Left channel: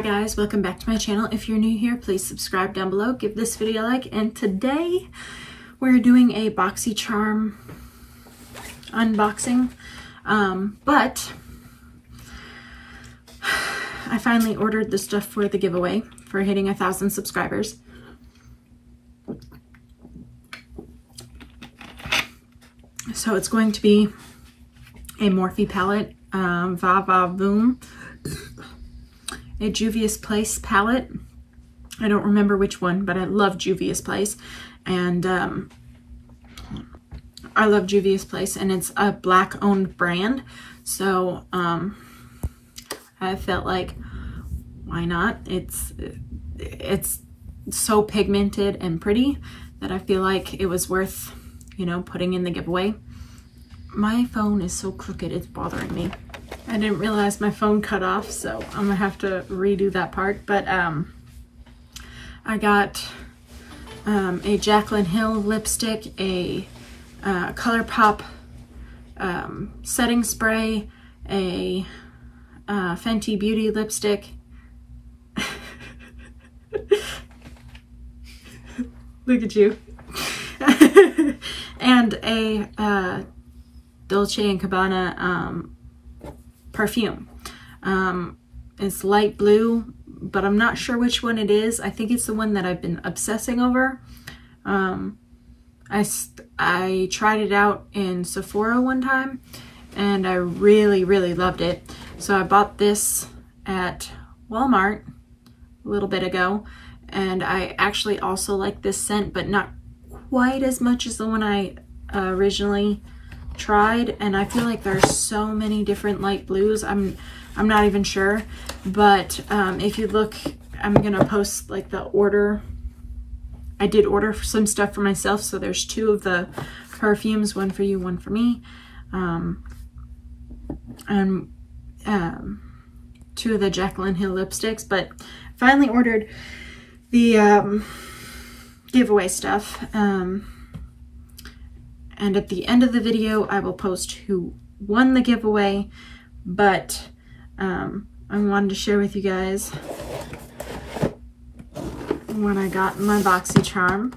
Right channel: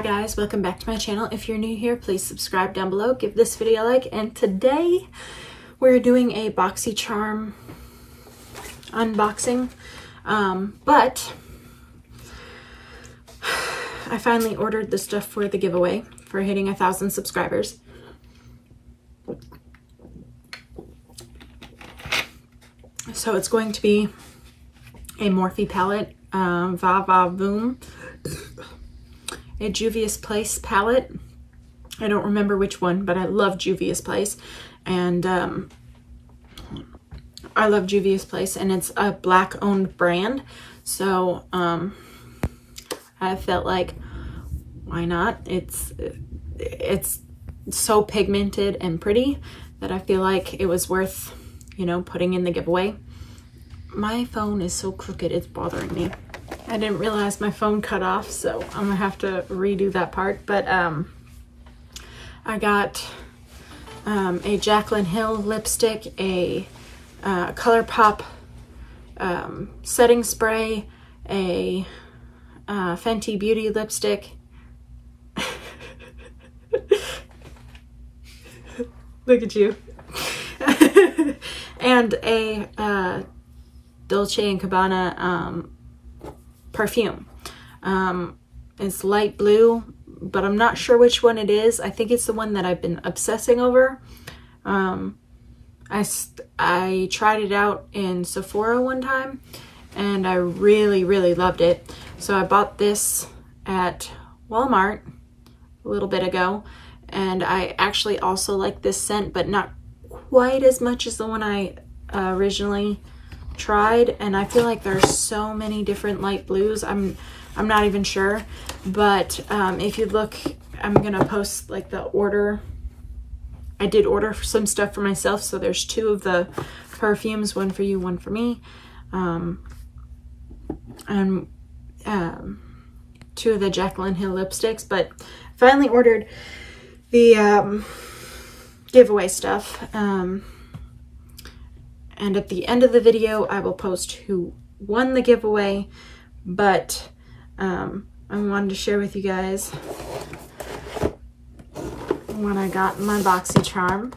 Hi guys, welcome back to my channel. If you're new here, please subscribe down below, give this video a like, and today we're doing a Boxy Charm unboxing. But I finally ordered the stuff for the giveaway for hitting 1,000 subscribers. So it's going to be a Morphe palette, Va Va Voom, a Juvia's Place palette. I don't remember which one, but I love Juvia's Place, and I love Juvia's Place, and it's a black owned brand, so I felt like, why not? It's so pigmented and pretty that I feel like it was worth, you know, putting in the giveaway. My phone is so crooked, it's bothering me. I didn't realize my phone cut off, so I'm gonna have to redo that part. But I got a Jaclyn Hill lipstick, a ColourPop setting spray, a Fenty Beauty lipstick. Look at you. And a Dolce & Gabbana perfume. It's light blue, but I'm not sure which one it is. I think it's the one that I've been obsessing over. I tried it out in Sephora one time and I really loved it. So I bought this at Walmart a little bit ago, and I actually also like this scent, but not quite as much as the one I originally tried. And I feel like there's so many different light blues. I'm not even sure, but if you look, I'm gonna post like the order. I did order some stuff for myself, so there's 2 of the perfumes, one for you, one for me, and 2 of the Jaclyn Hill lipsticks. But finally ordered the giveaway stuff, and at the end of the video I will post who won the giveaway. But I wanted to share with you guys what I got in my Boxy Charm.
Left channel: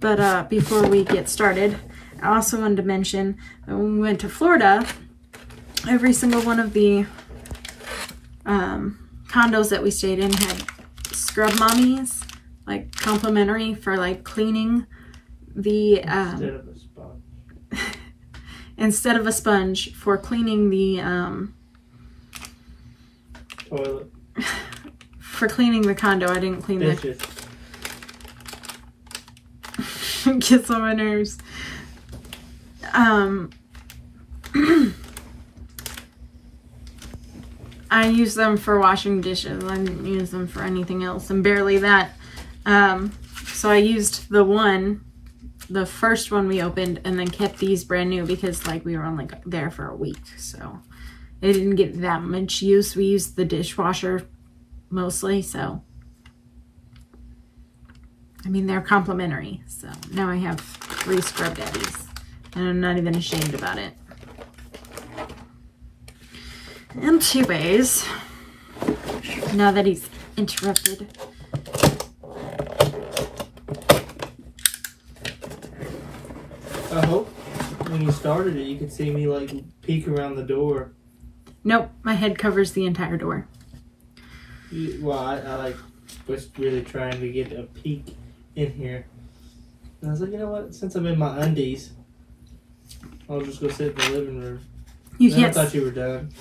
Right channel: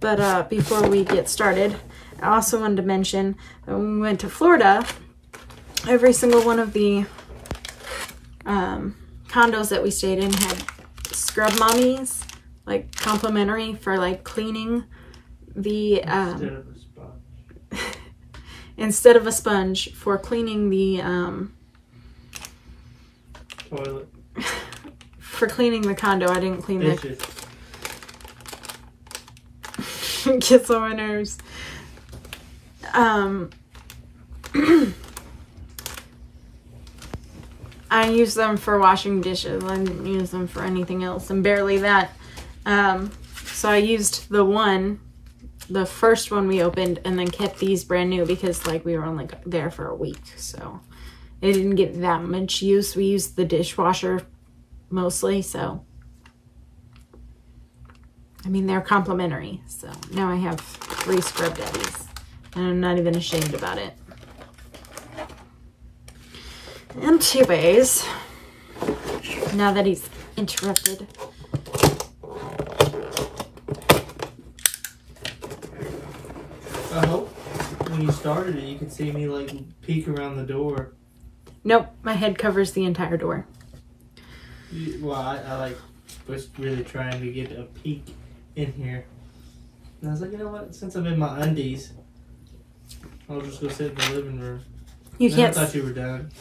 But before we get started, I also wanted to mention that when we went to Florida, every single one of the condos that we stayed in had scrub mommies, like complimentary for like cleaning the instead of a sponge for cleaning the toilet. For cleaning the condo. I didn't clean the gets on my nerves. I use them for washing dishes. I didn't use them for anything else, and barely that. So I used the first one we opened, and then kept these brand new because like we were only there for a week, so it didn't get that much use. We used the dishwasher mostly, so I mean they're complimentary. So now I have 3 scrub daddies, and I'm not even ashamed about it. Anyways, now that he's interrupted, I hope when you started it, you could see me like peek around the door. Nope, my head covers the entire door. Well, I like was really trying to get a peek in here. And I was like, you know what? Since I'm in my undies, I'll just go sit in the living room. You can't. I thought you were done.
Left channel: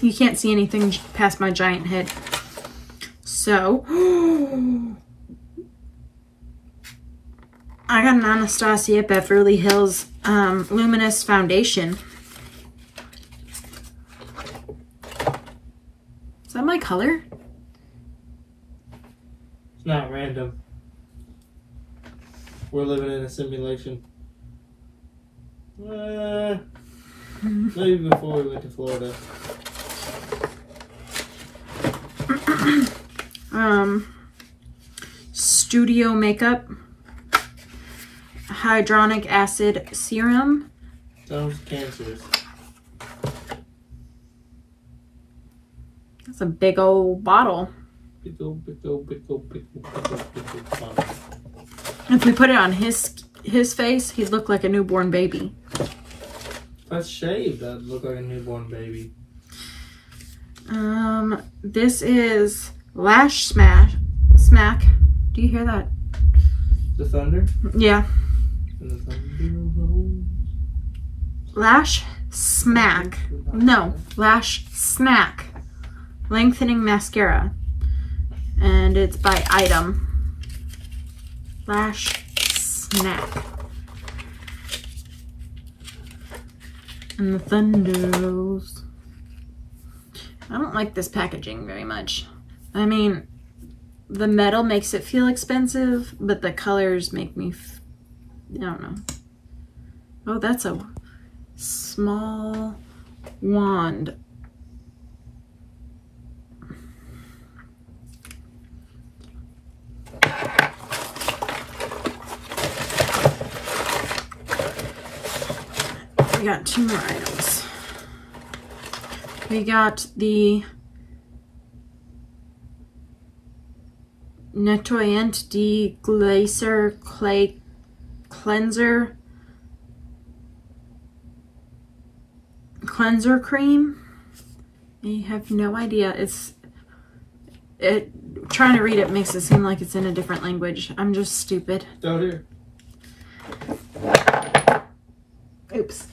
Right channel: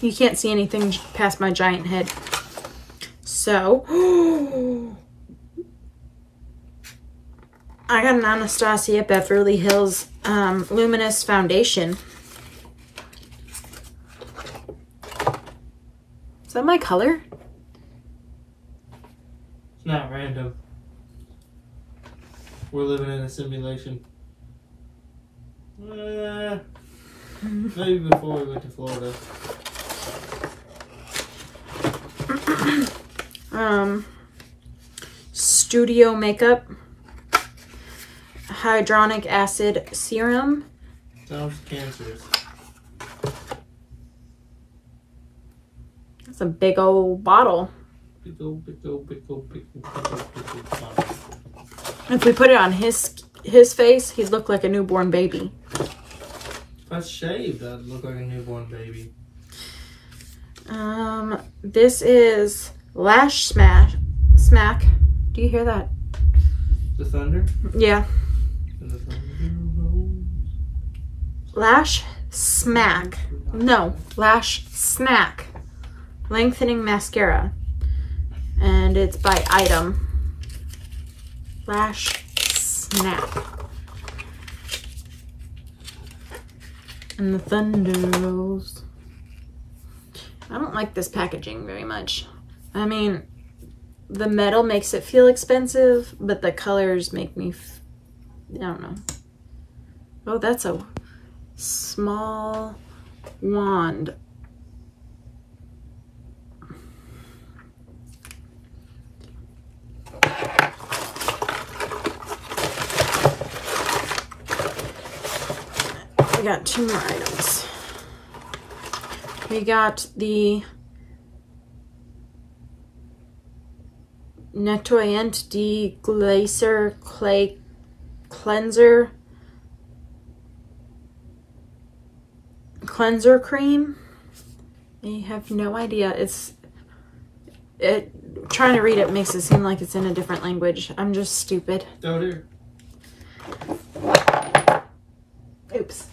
You can't see anything past my giant head. So I got an Anastasia Beverly Hills Luminous Foundation. Is that my color? It's not random. We're living in a simulation. Maybe before we went to Florida. Studio Makeup Hyaluronic Acid Serum. Sounds cancerous. That's a big old bottle. Big old bottle. If we put it on his face, he'd look like a newborn baby. If I shaved, I'd look like a newborn baby. This is Lash Smack. Do you hear that? The thunder? Yeah. The thunder. Lash Smack. No, Lash Smack. Lengthening mascara. And it's by Item. Lash Smack. And the thunder rolls. I don't like this packaging very much. I mean, the metal makes it feel expensive, but the colors make me, I don't know. Oh, that's a small wand. We got 2 more items. We got the Nettoyant Deglacer Clay Cleanser Cream. I have no idea. Trying to read it makes it seem like it's in a different language. I'm just stupid. Oh dear. Oops.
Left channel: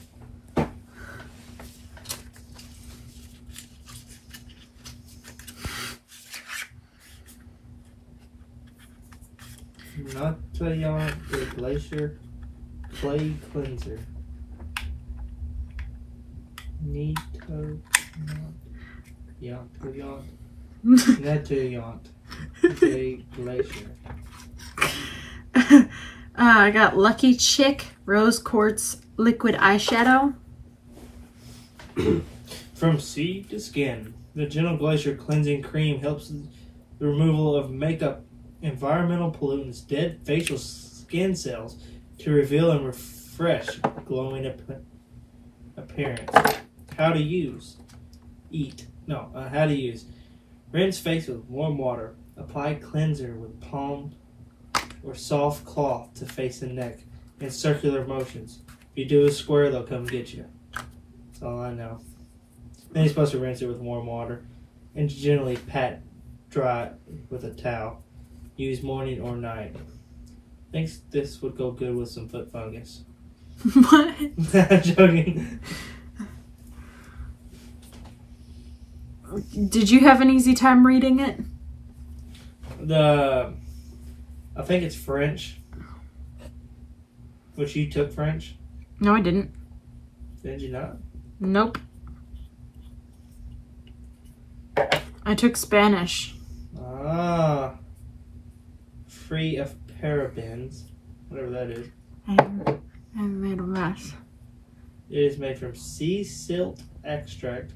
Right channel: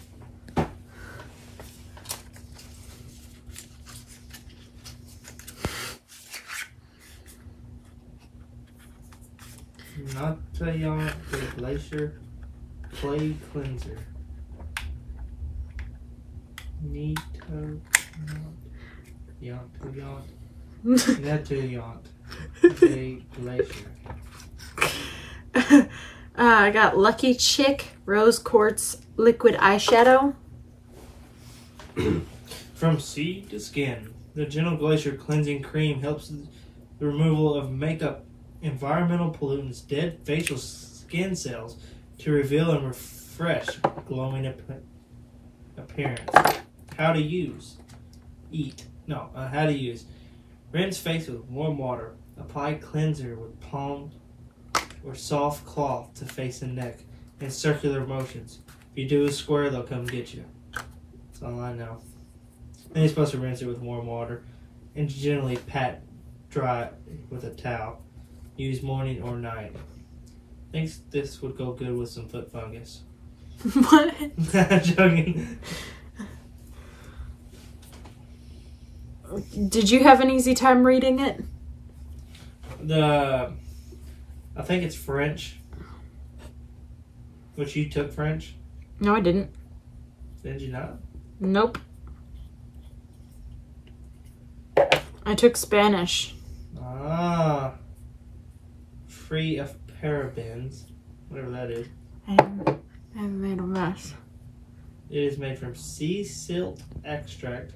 Nettoyant Deglacer Clay Cleanser. Nettoyant Deglacer. I got Lucky Chick Rose Quartz Liquid Eyeshadow. From seed to skin, the Gentle Glacier Cleansing Cream helps the removal of makeup, environmental pollutants, dead facial skin cells to reveal and refresh glowing appearance. How to use. How to use. Rinse face with warm water. Apply cleanser with palm or soft cloth to face and neck in circular motions. If you do a square, they'll come get you. That's all I know. Then you're supposed to rinse it with warm water and gently pat dry with a towel. Use morning or night. Thinks this would go good with some foot fungus. What? I'm joking. Did you have an easy time reading it? I think it's French. Which you took French? No, I didn't. Did you not? Nope. I took Spanish. Ah. Free of parabens. Whatever that is. I made a mess. It is made from sea silt extract.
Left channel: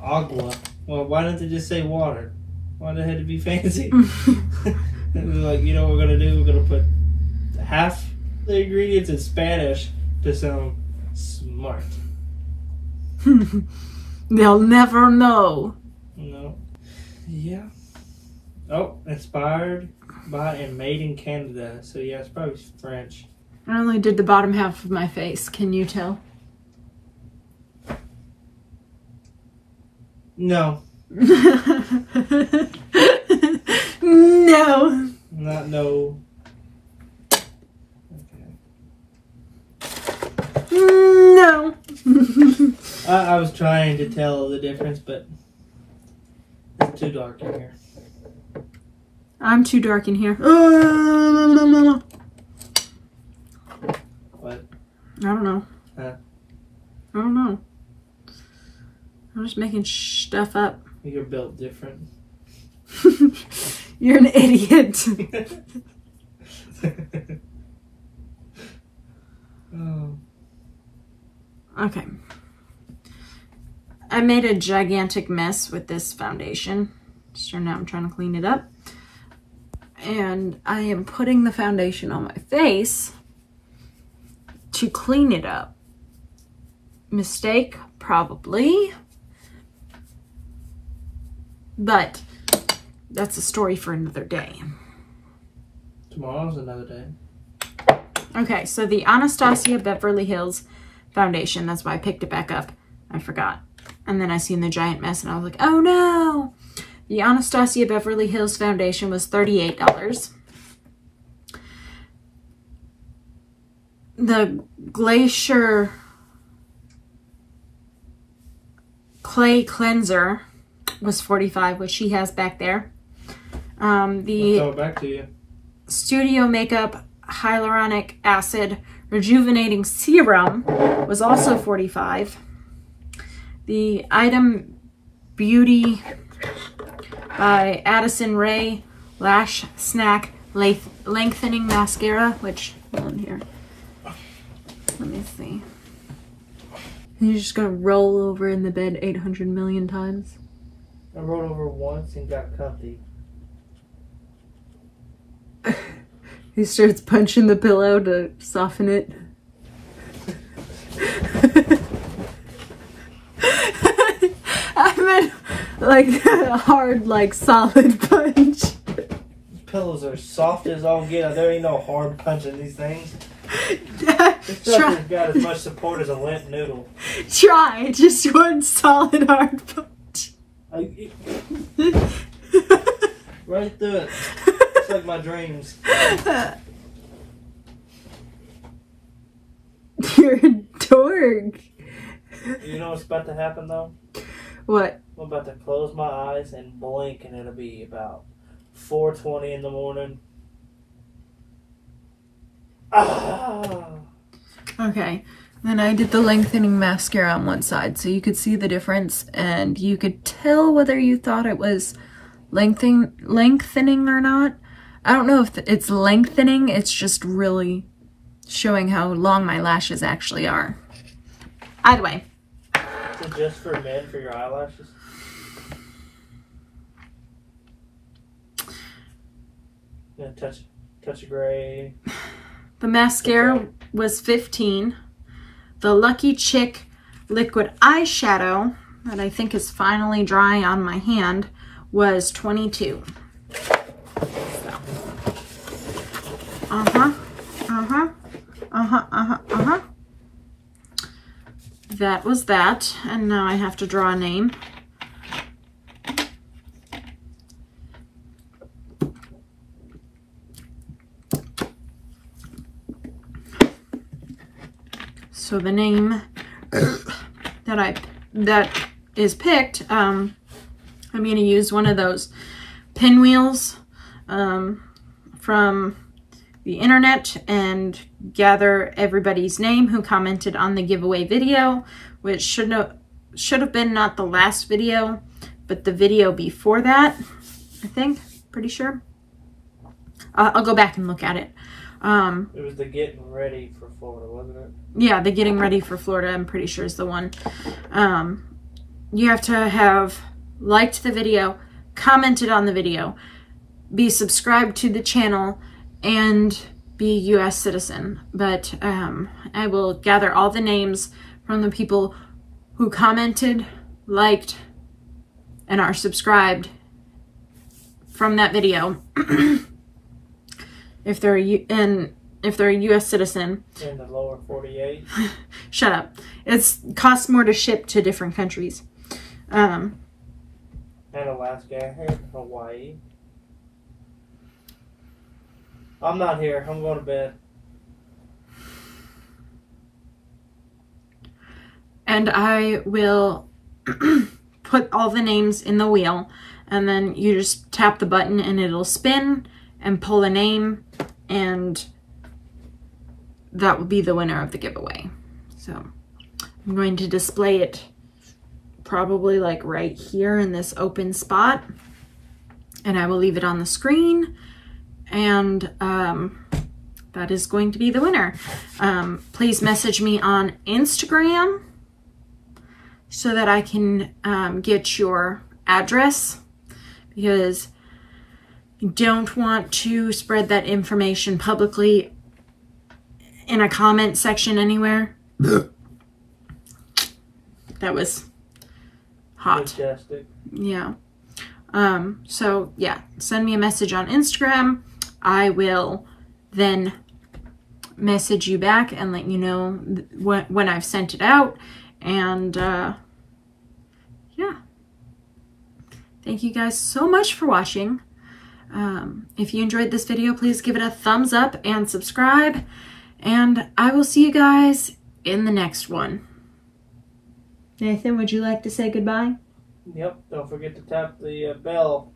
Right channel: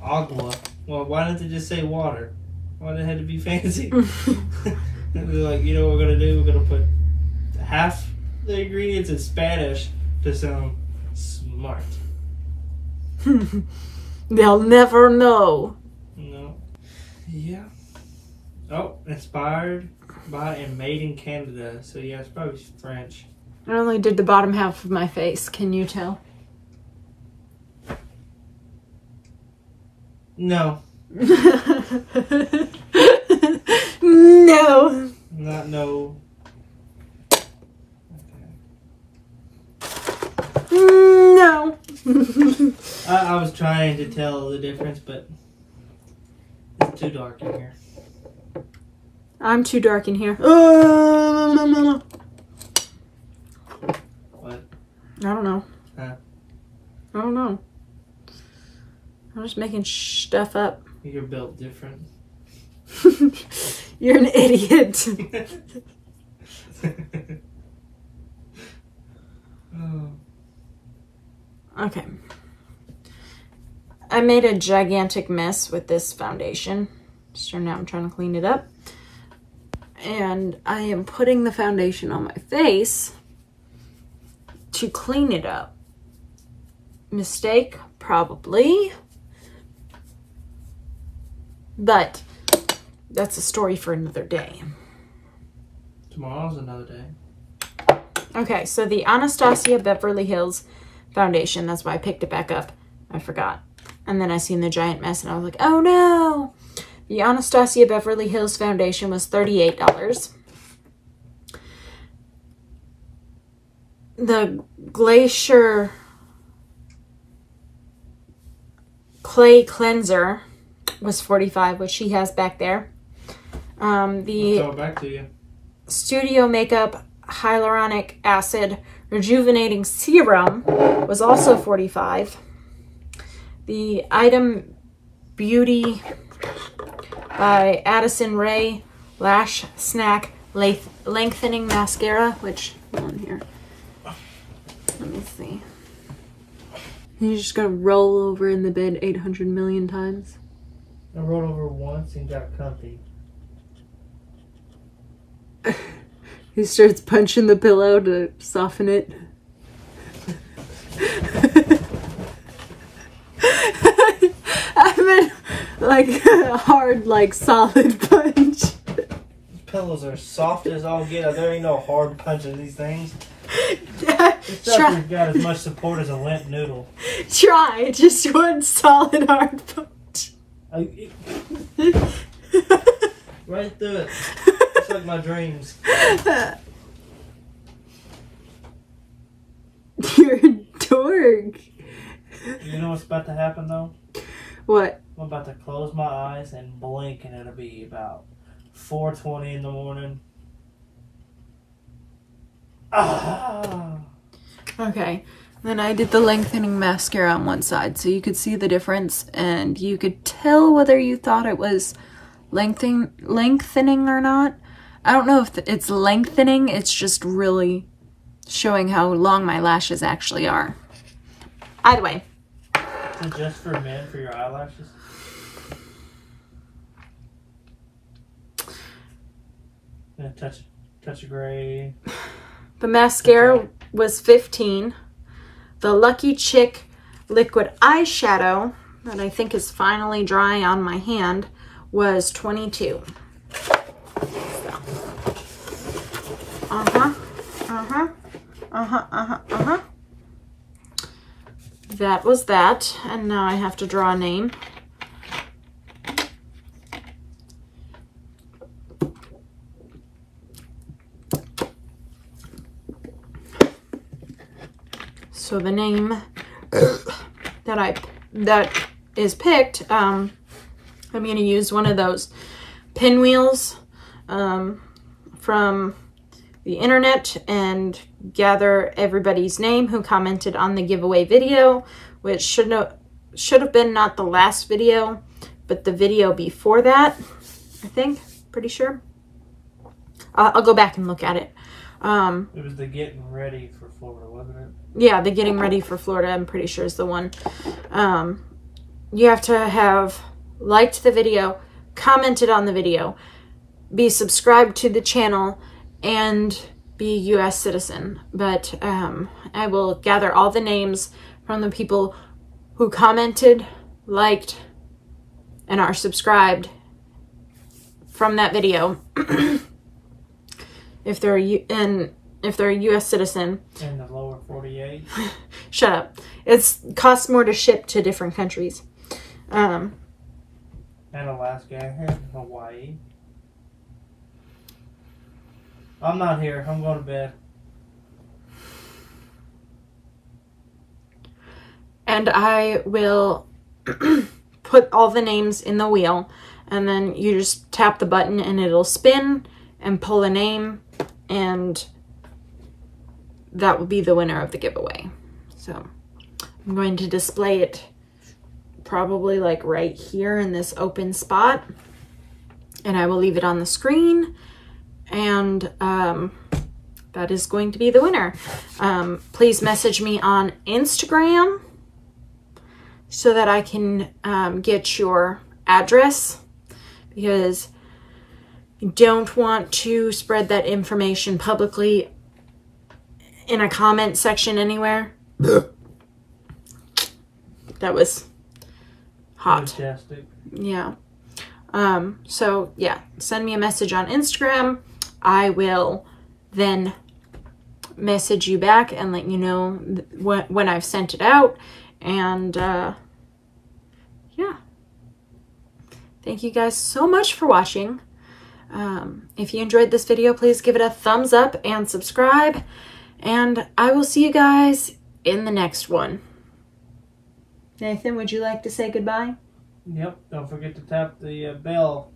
Agua. Well, why didn't they just say water? Why did it have to be fancy? They're like, you know what we're going to do? We're going to put half the ingredients in Spanish to sound smart. They'll never know. No. Yeah. Oh, inspired by and made in Canada. So yeah, it's probably French. I only did the bottom half of my face. Can you tell? No. No. Not no. No. I was trying to tell the difference, but it's too dark in here. I'm too dark in here. What? I don't know. Huh? I don't know. I'm just making stuff up. You're built different. You're an idiot. Oh. Okay. I made a gigantic mess with this foundation. So now I'm trying to clean it up. And I am putting the foundation on my face to clean it up. Mistake? Probably. But that's a story for another day. Tomorrow's another day. Okay, so the Anastasia Beverly Hills Foundation, that's why I picked it back up. I forgot. And then I seen the giant mess and I was like, oh no! The Anastasia Beverly Hills Foundation was $38. The Glacier Clay Cleanser was $45, which she has back there. I'll throw it back to you. Studio Makeup Hyaluronic Acid Rejuvenating Serum was also $45. The Item Beauty by Addison Rae Lash Snack Lengthening Mascara, which, hold on here. Let me see. You're just gonna roll over in the bed 800 million times? I rolled over once and got comfy. He starts punching the pillow to soften it. I meant like a hard, like solid punch. Pillows are soft as all get out. There ain't no hard punch in these things. This stuff has got as much support as a limp noodle. Try just one solid hard punch. Right through it. It's like my dreams. You're a dork. You know what's about to happen though? What? I'm about to close my eyes and blink and it'll be about 4:20 in the morning. Ah. Okay. Then I did the lengthening mascara on one side so you could see the difference and you could tell whether you thought it was lengthening or not. I don't know if it's lengthening, it's just really showing how long my lashes actually are. Either way. Is it just for men for your eyelashes? Yeah, touch of gray. The mascara was $15. The Lucky Chick liquid eyeshadow that I think is finally dry on my hand was $22. That was that, and now I have to draw a name. So the name that is picked, I'm going to use one of those pinwheels from the internet and gather everybody's name who commented on the giveaway video, which should have been not the last video, but the video before that, I think, pretty sure. I'll go back and look at it. It was the Getting Ready for Florida, wasn't it? Yeah, the Getting Ready for Florida, I'm pretty sure is the one. You have to have liked the video, commented on the video, be subscribed to the channel, and be a U.S. citizen. But I will gather all the names from the people who commented, liked, and are subscribed from that video. If they're a U.S. citizen. In the lower 48. Shut up. It costs more to ship to different countries. And Alaska, here's Hawaii. I'm not here. I'm going to bed. And I will put all the names in the wheel, and then you just tap the button and it'll spin and pull a name, and that will be the winner of the giveaway. So I'm going to display it probably like right here in this open spot, and I will leave it on the screen, and that is going to be the winner. Please message me on Instagram so that I can get your address, because you don't want to spread that information publicly in a comment section anywhere. That was hot. Fantastic. Yeah. So yeah, send me a message on Instagram. I will then message you back and let you know when I've sent it out. And yeah, thank you guys so much for watching. If you enjoyed this video, please give it a thumbs up and subscribe, and I will see you guys in the next one. Nathan, would you like to say goodbye? Yep, don't forget to tap the bell.